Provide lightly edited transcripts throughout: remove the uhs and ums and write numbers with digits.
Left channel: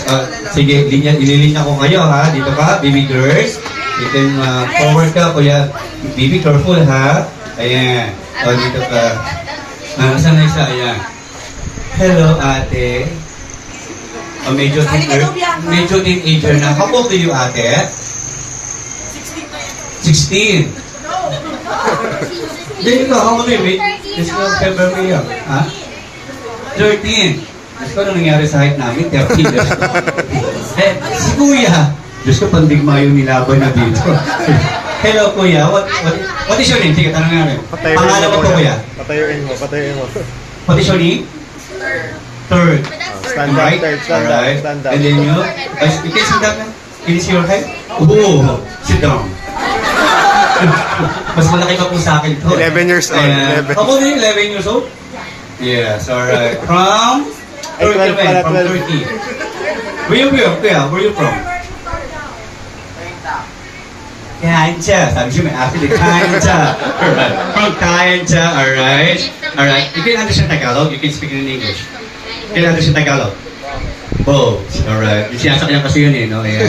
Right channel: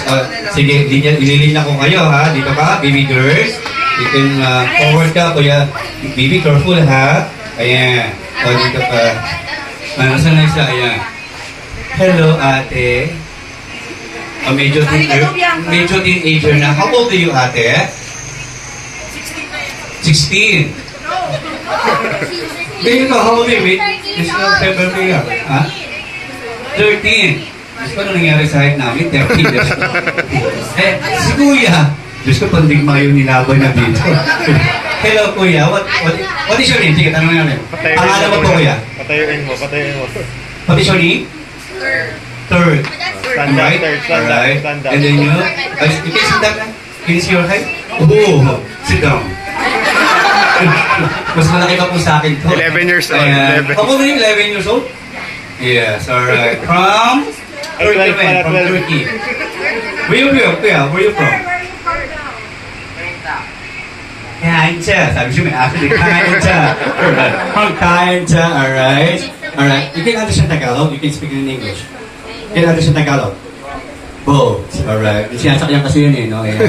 Yes, sige, ililinya ko kayo ha. Dito ka, baby girls. You can forward ka, kuya. Baby, careful ha. Ayan. Dito ka. Saan na isa? Ayan. Hello, ate. Medyo teenager na. How old are you, ate? 16. Baby ko, how old are you? This is February. Ha? 13. Diyos ko, ano nangyari sa height namin? 13. Si kuya. Diyos ko, pandigma yung nilaban na dito. Hello, kuya. What is your name? Sige, tanongin namin. Pangalan mo po, kuya? Patayuin mo. What is your name? Third. Stand up, stand up. And then you can sit down. Can you see your height? Oh, sit down. Mas malaki pa po sa akin to. 11 years old. 11. Ako na yung 11 years old? Yes, alright. From? Ay, 12 pala, From 12. Turkey. Where you from? Kaincha. Sabi siya may actually Kaincha. Alright. From Kaincha, alright. Alright. You can understand Tagalog, you can speak in English. You can understand Tagalog. Both. Alright. Sinasakyan kasi yun eh, no? Ayan.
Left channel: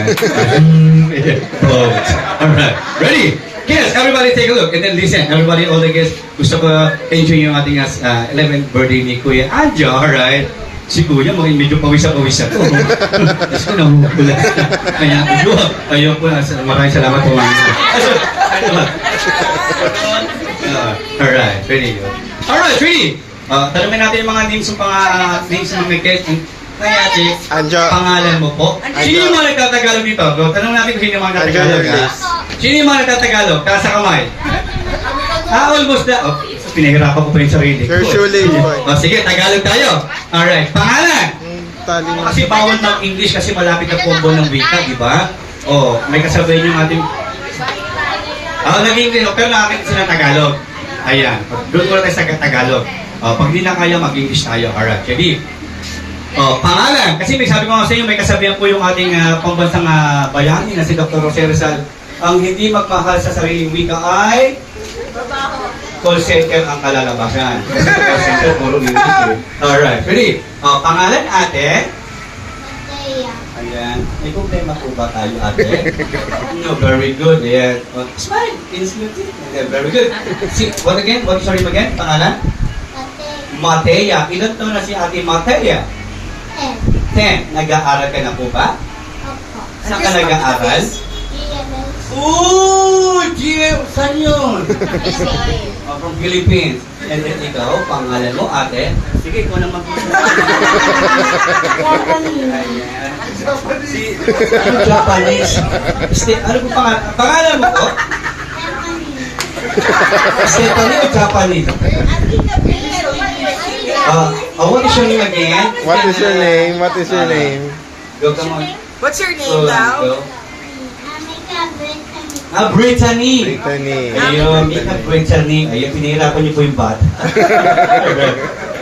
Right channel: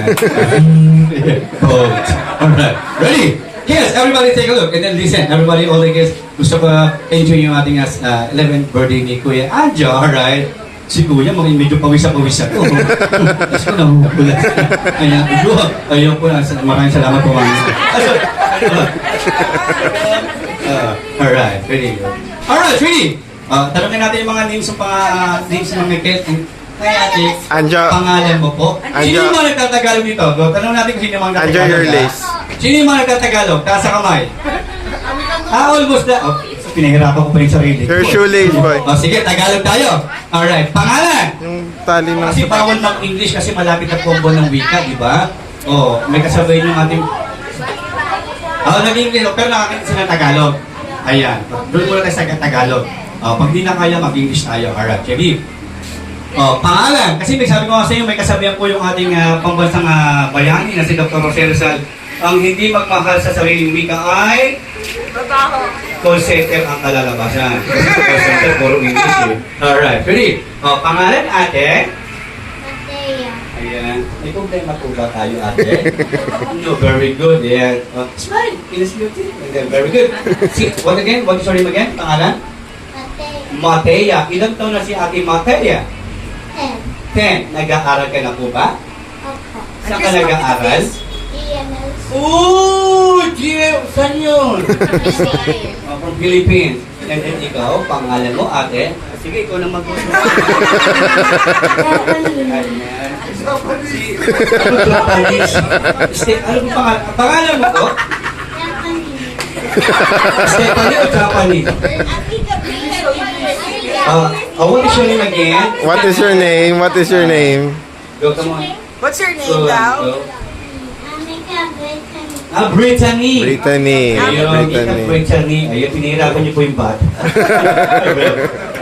Both. Alright. Ready? Yes, everybody take a look and then listen. Everybody, all the guests, gusto ko enjoy yung ating 11th birthday ni Kuya Anja, alright? Si Kuya, medyo pawisa-pawisa ko. Tapos ko nahuhula. Kaya, ayun po, maraming salamat po. Alright, ready. Alright, ready. Tanungin natin yung mga names ng mga guests. Kaya ate, Anja. pangalan mo po. Sino yung mga nagtatagalog dito? Tanong natin kung sino yung mga nagtatagalog. Sino yung mga nagtatagalog? Taas sa kamay. Almost na. Pinahirapan ko pa yung sarili ko. Sir Shuling, boy. Sige, Tagalog tayo. Alright, pangalan. Yung tali mo. Kasi bawal ng English kasi malapit na combo ng wika, di ba? May kasabay yung ating... naging pero nakakita sila ng Tagalog. Ayan. Doon muna tayo sa Tagalog. Pag di na kaya, mag-English tayo. Alright, ready? Pangalan. Kasi may sabi ko nga sa inyo, may kasabihan po yung ating pambansang bayani na si Dr. Jose Rizal. Ang hindi magmahal sa sariling wika ay... Call center ang kalalabasan. Kasi sa call center, puro English eh. Alright, ready? Pangalan, ate? Matea. Ayan. May problema po ba tayo, ate? No, very good. Ayan. Smile. Innocent. Very good. What again? What is your name again? Pangalan? Matea. Matea. Ilan taon na si ate Matea? 10. Nag-aaral ka na po ba? Opo. Saan ka nag-aaral? EMS. Saan yun? From Philippines. And then ikaw, pangalan mo, ate? Sige, ikaw na mag-usap. Ayan. Ano Japanese? Ano po pangalan mo po? Stephanie o Japanese? What is your name again? What is your name? What is your name? Go, come on. What's your name daw? Brittany. Brittany. Ayun, Brittany. Ayun, pinahirapan niyo po yung bata.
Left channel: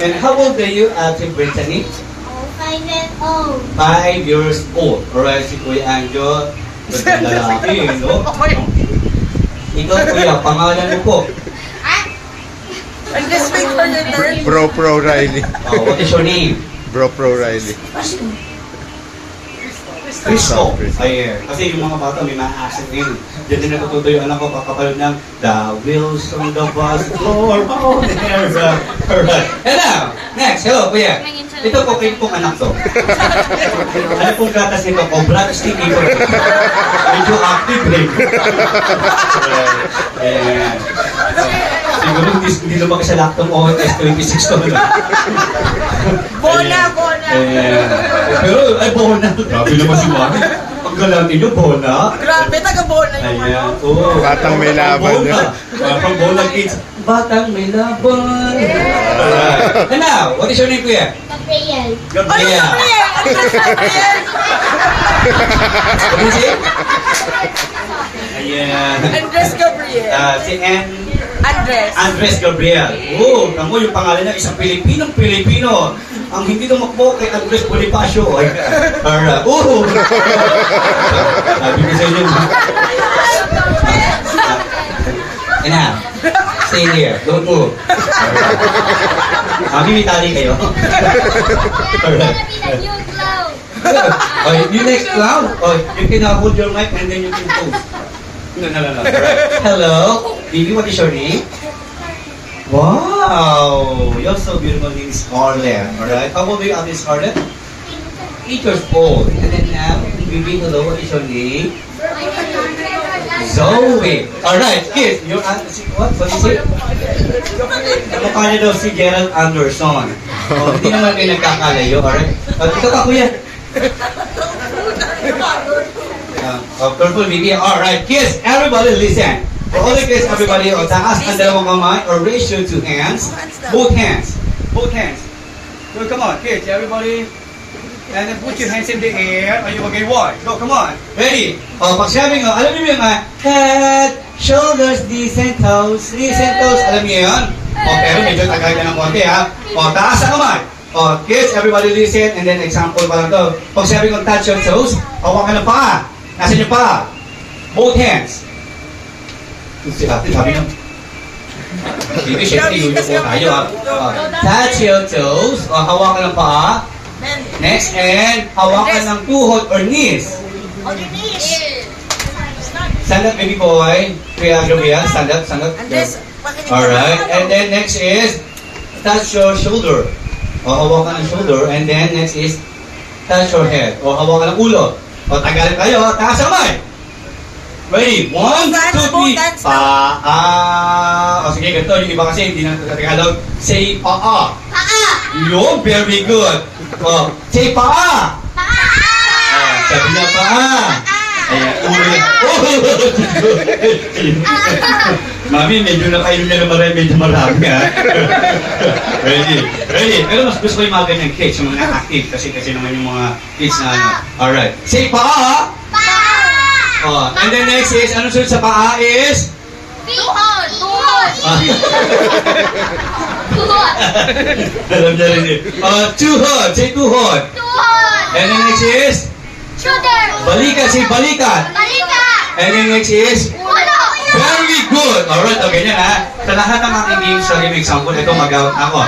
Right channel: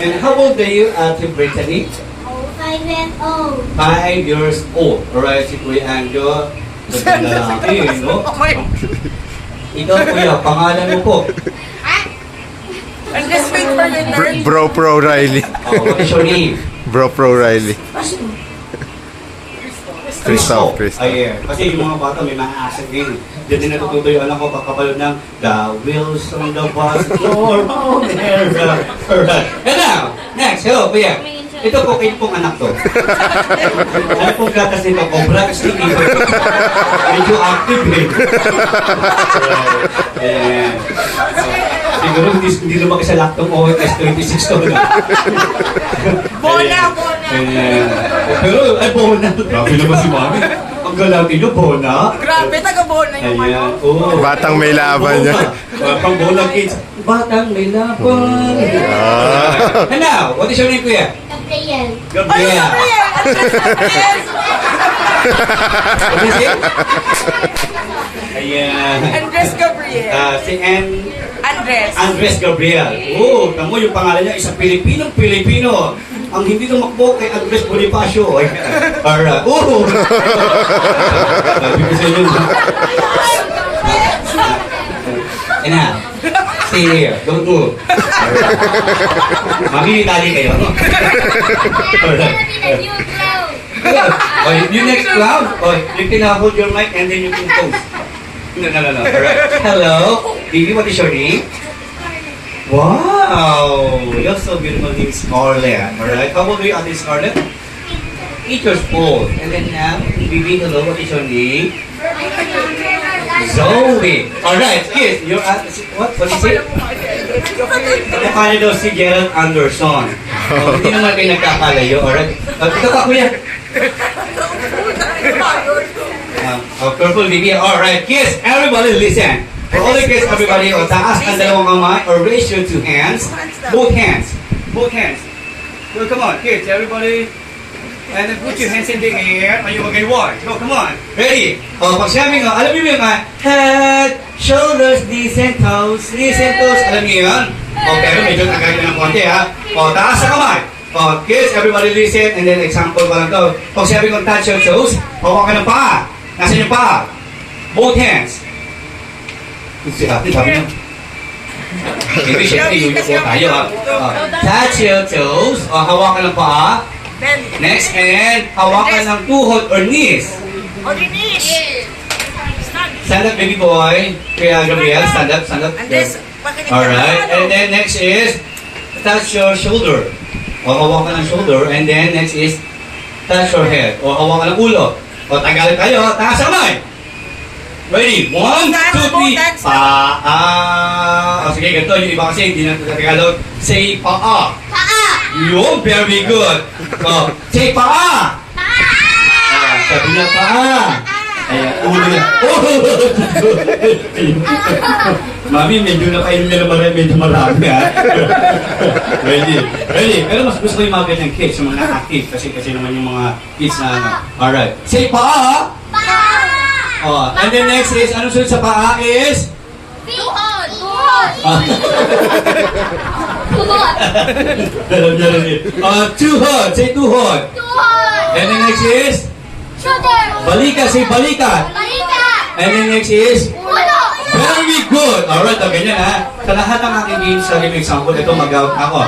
And how old are you, Ate Brittany? 5 years old. 5 years old. Alright, si Kuya Anjo. Lalaki, no? Ikaw, Kuya, pangalan mo po. And just wait for your turn. Bro Pro Riley. What is your name? Bro Pro Riley. Cristo. Cristo. Ayan. Kasi yung mga bata may maasa din. Diyan din natututo yung anak ko kakapalod ng The wheels on the bus go round there. Alright. And now, next. Hello, Kuya. Ito po kayo pong anak to. Ano pong gatas nito? Cobra, sticky po. Medyo active eh. Ayan. Siguro hindi lumaki sa laktong OS 26 to. Bona. Ayan. Pero, ay, Bona. Grabe naman si Mami. Ang galante nyo, Bona. Grabe, taga-Bona yung Ayan. ano. Oo. Batang may laban niya. Batang Bona kids. Batang may laban. And now, what is your name, Kuya? Gabriel. Gabriel. What is it? Ayan. Andres Gabriel. Si Andres Gabriel. Oo, tamo yung pangalan niya, isang Pilipinong-Pilipino. Ang hindi tumakbo kay Andres Bonifacio. Alright. Oo! Sabi ko sa inyo. And now, stay here. Don't move. Alright. Mamimintali kayo. Alright. The new cloud. Okay, you next round. Okay, you can hold your mic and then you can toast. No. Alright. Hello, baby, what is your name? Wow, you're so beautiful in Scarlett. Alright, how old are you at this Scarlett? 8 years old. And then now, baby, hello, what is your name? Zoe. Alright, kids, you're at, what is it? Nakakala daw si Gerald Anderson. Oh, hindi naman kayo nagkakalayo, alright? Ito ka, kuya. Purple baby. Alright, kids, everybody listen. For all the kids, everybody, taas ang dalawang kamay or raise your two hands. Both hands. Both hands. So come on, kids, everybody. And then put your hands in the air. Are you okay? One. Go, come on. Ready? Pag sabi nga, alam niyo yung head, shoulders, knees and toes. Knees and toes. Alam niyo yun? Pero medyo tagay na ng konti, ha? Taas ang kamay. Kids, everybody listen. And then example pa lang to. Pag sabi ko touch your toes, hawakan ng paa. Nasaan yung paa? Both hands. Si ate, sabi niyo. Maybe, syempre, yun po tayo, ha? Touch your toes. Hawakan ng paa. Next, and hawakan ng tuhod or knees. Stand up, baby boy. Kuya Gabriel, stand up, stand up. Alright, and then next is touch your shoulder. O hawakan ng shoulder, and then next is touch your head. O hawakan ng ulo. O tagalin tayo, taas ang kamay. Ready? 1, 2, 3. Paa. O sige, ganito. Yung iba kasi hindi na Tagalog. Say paa. Paa. Yun, very good. Say paa. Paa. Sabi niya paa. Ayan, ulo niya. Mami, medyo napainom niya na medyo marami, ha? Ready? Pero mas gusto ko yung mga ganyang kids, yung mga active, kasi naman yung mga kids na ano. Alright. Say paa. And then next is, anong sunod sa paa is? Tuhod. Alam niya rin eh. Tuhod. Say tuhod. And then next is? Shoulder. Balikat. Say balikat. Balikat. And then next is? Ulo. Very good. Alright, ganyan ha. Sa lahat ng aking games, sorry, may example, ito mag-out ako.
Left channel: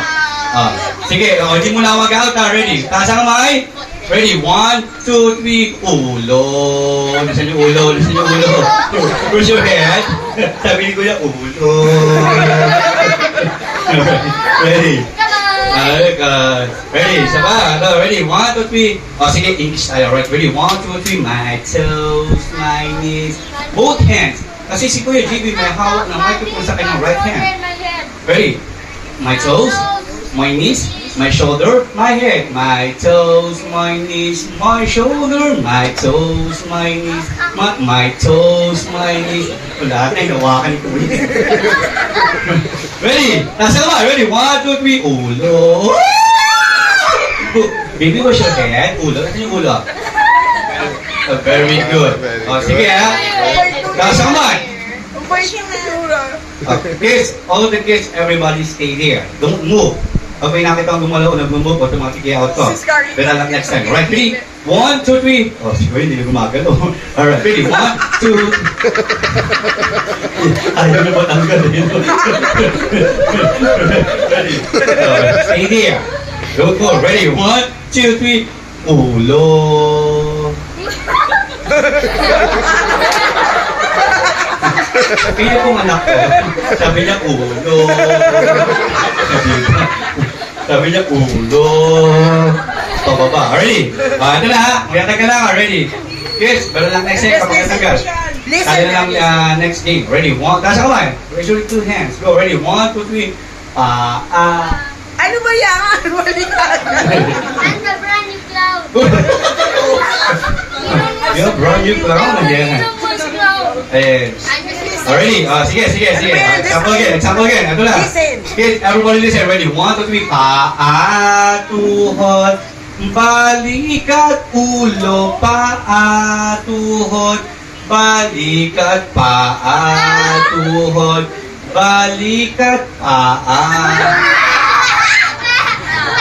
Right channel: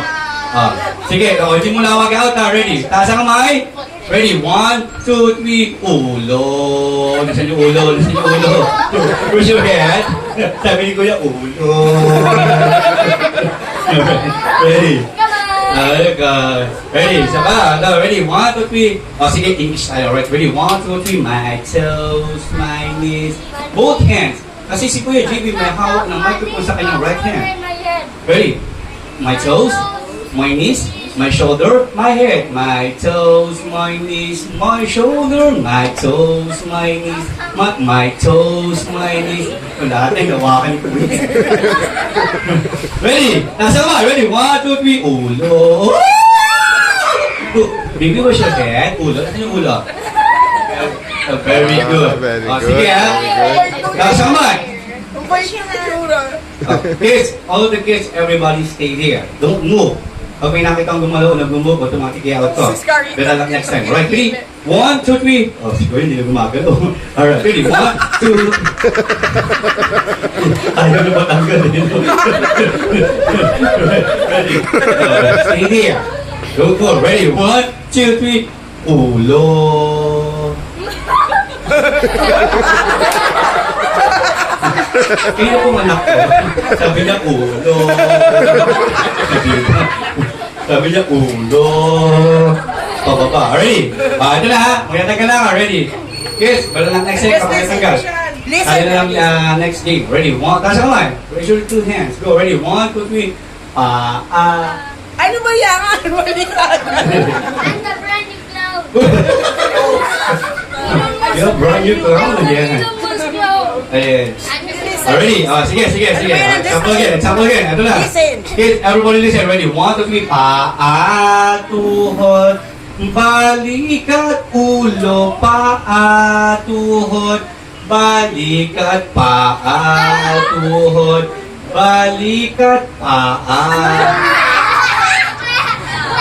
Sige, hindi mo na mag-out ha. Ready? Taas ang kamay. Ready? 1, 2, 3. Ulo. Listen yung ulo. Push your head. Sabi ni Kuya, ulo. Ready? Ready? Saba? Ready? 1, 2, 3. Sige, English tayo. Alright, ready? 1, 2, 3. My toes, my knees. Both hands. Kasi si Kuya JB may hawak ng microphone sa kanyang right hand. Ready? My toes, my knees, my shoulder, my head. My toes, my knees, my shoulder, my toes, my knees, my toes, my knees. Lahat ay nawakan ko. Ready? Nasa ba? Ready? 1, 2, 3. Ulo. Baby, wash your head. Ulo. Nasaan yung ulo? Very good. Sige ha. Nasa kamay. Kids, all of the kids, everybody stay there. Don't move. Pag may nakita kang gumalaw, nag-move, automatically out ko. Better luck next time. Right, ready? 1, 2, 3. Siguro hindi na gumagalaw. Alright, ready? 1, 2. Ayaw na ba tanggal eh? Ready? Stay there. Go. Ready? 1, 2, 3. Ulo. Kaya kong anak ko, sabi niya ulo. Sabi niya ulo. Pababa. Ready? Ito na ha. Maganda ka lang. Ready? Kids, bala lang next set. Kapag natagal. Kaya na lang next game. Ready? 1. Taas ako lang. Raise your 2 hands. Go. Ready? 1, 2, 3. Ano ba yan? And the brand new cloud. Yung brand new clown again. Ready? Sige. Example again. Ito na. Kids, everybody listen. Ready? 1, 2, 3. Paa, tuhod, balikat, ulo, paa, tuhod, balikat, paa, tuhod, balikat, paa.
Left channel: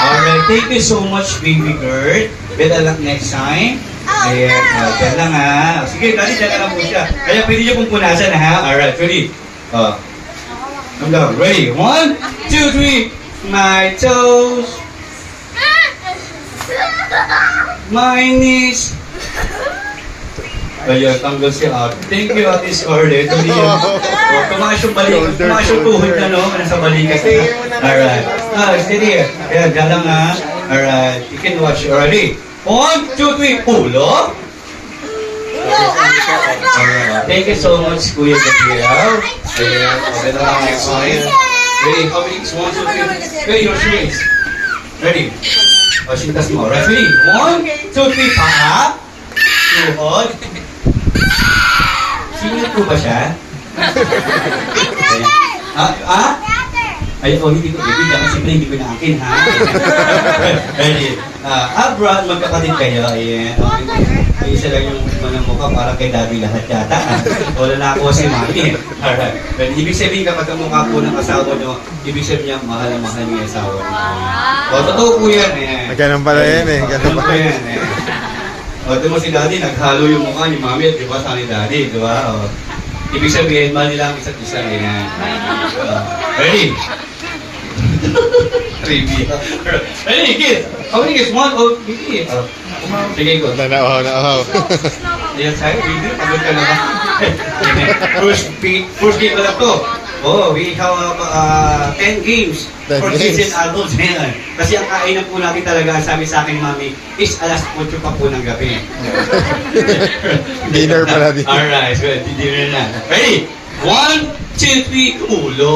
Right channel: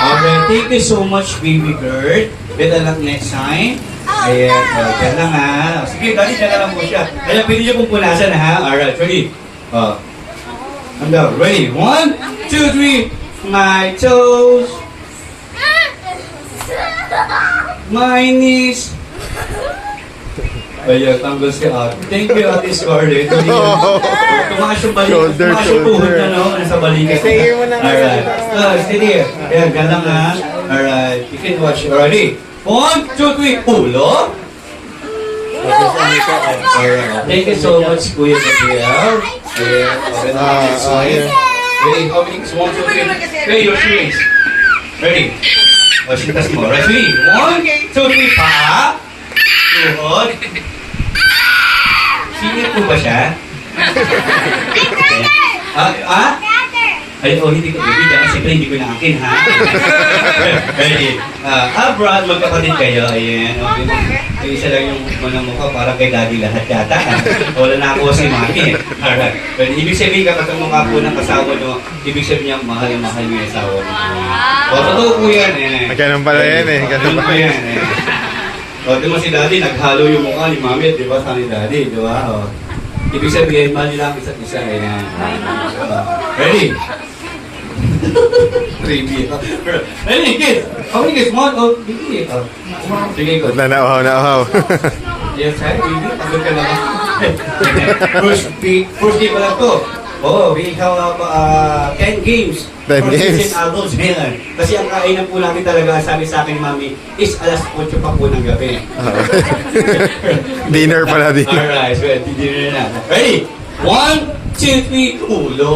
Alright, thank you so much, baby girl. Better luck next time. Ayan, dyan lang ha. Sige, dali, dyan lang po siya. Kaya pwede niyo pong punasan ha. Alright, ready? Ready? 1, 2, 3. My toes. My niece. Ayun, tanggol si Ate. Thank you, Ate Scarlett. Tumakas yung balik, tumakas yung tuhod na, no? Nasa balikat na. Alright. Steady. Ayan, galang ha. Alright. You can watch already. 1, 2, 3, ulo. Alright. Thank you so much, Kuya Gabriel. Ayan. Okay na lang. Okay. Ready? How many? 1, 2, 3. Ready, your shoes. Ready? O, sintas mo. Ready? 1, 2, 3, paa. Tuhod. Sino po ba siya? Ayan. Ay, oh, hindi ko bibigyan kasi hindi ko naakin, ha? Ready? Brad, magkapatid kayo. Ayan. Okay. Isa lang yung mga mukha para kay daddy lahat yata. Wala na ako si mami. Alright. But ibig sabihin kapag ang mukha po ng asawa nyo, ibig sabihin niya mahal na mahal niyo yung asawa nyo. O, totoo po yan eh. Ganun pala yan eh. Ganun Ganun pa yan eh. O, di mo si daddy, naghalo yung mukha ni mami at di ba sa ni daddy, di ba? O, ibig sabihin, mahal nila ang isa't isa. Ayan. Ready? Creepy. Ready, kids? How many kids? 1, oh, baby. Sige, go. Na uhaw. Yes, hi, baby. Pagod ka naman. First game na to. Oh, we have 10 games 10 for games. kids and adults. Ayan. Kasi ang kainan po natin talaga, sabi sa akin, mami, is alas 8 pa po ng gabi. Dinner pala din. Alright, so dinner na. Ready? 1, 2, 3, ulo.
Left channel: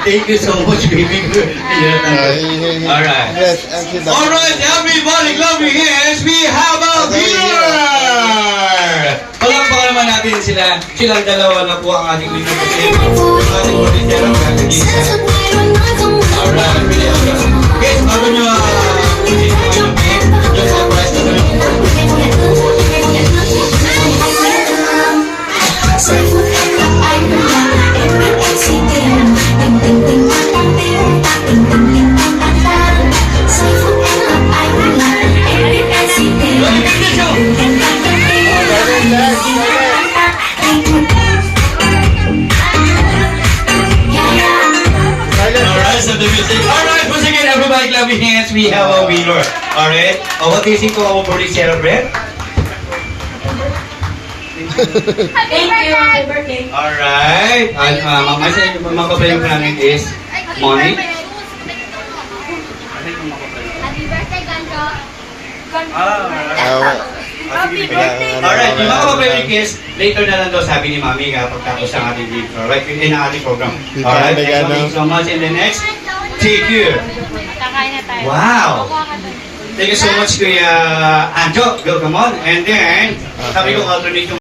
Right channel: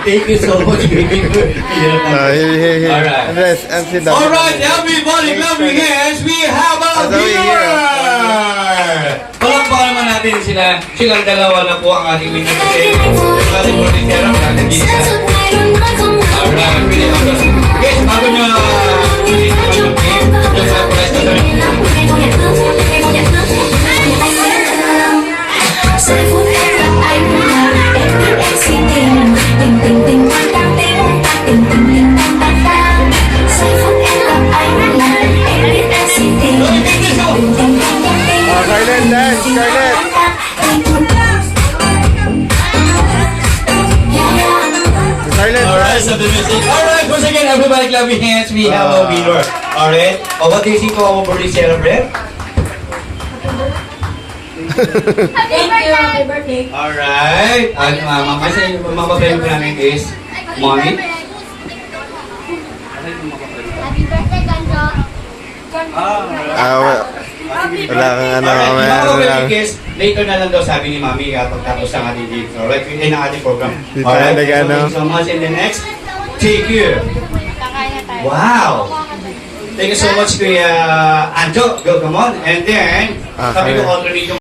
Thank you so much, baby. Hey. Alright. Rest and sit down. Alright, everybody, clap your hands. We have a winner! Palakpakan naman natin sila. Silang dalawa na po ang ating winner. Kasi ating morning care ang nag-isa. Alright, pili ako. Guys, bago nyo ulit naman yung game, yung surprise na lang. Alright, so the music. Alright, once again, everybody clap your hands. We have a winner. Alright. What do you think of our birthday celebrate? Happy birthday! Alright. At mga papel po namin is Mommy. Happy birthday, Ganjo! Happy birthday! Alright, yung mga papel is later na lang daw sabi ni Mami kapag tapos ang ating game. Alright, in ang ating program. Alright, thank you so much. And the next, take you. Kakain na tayo. Wow! Thank you so much, Kuya Anjo. Go, come on. And then, sabi ko alternate yung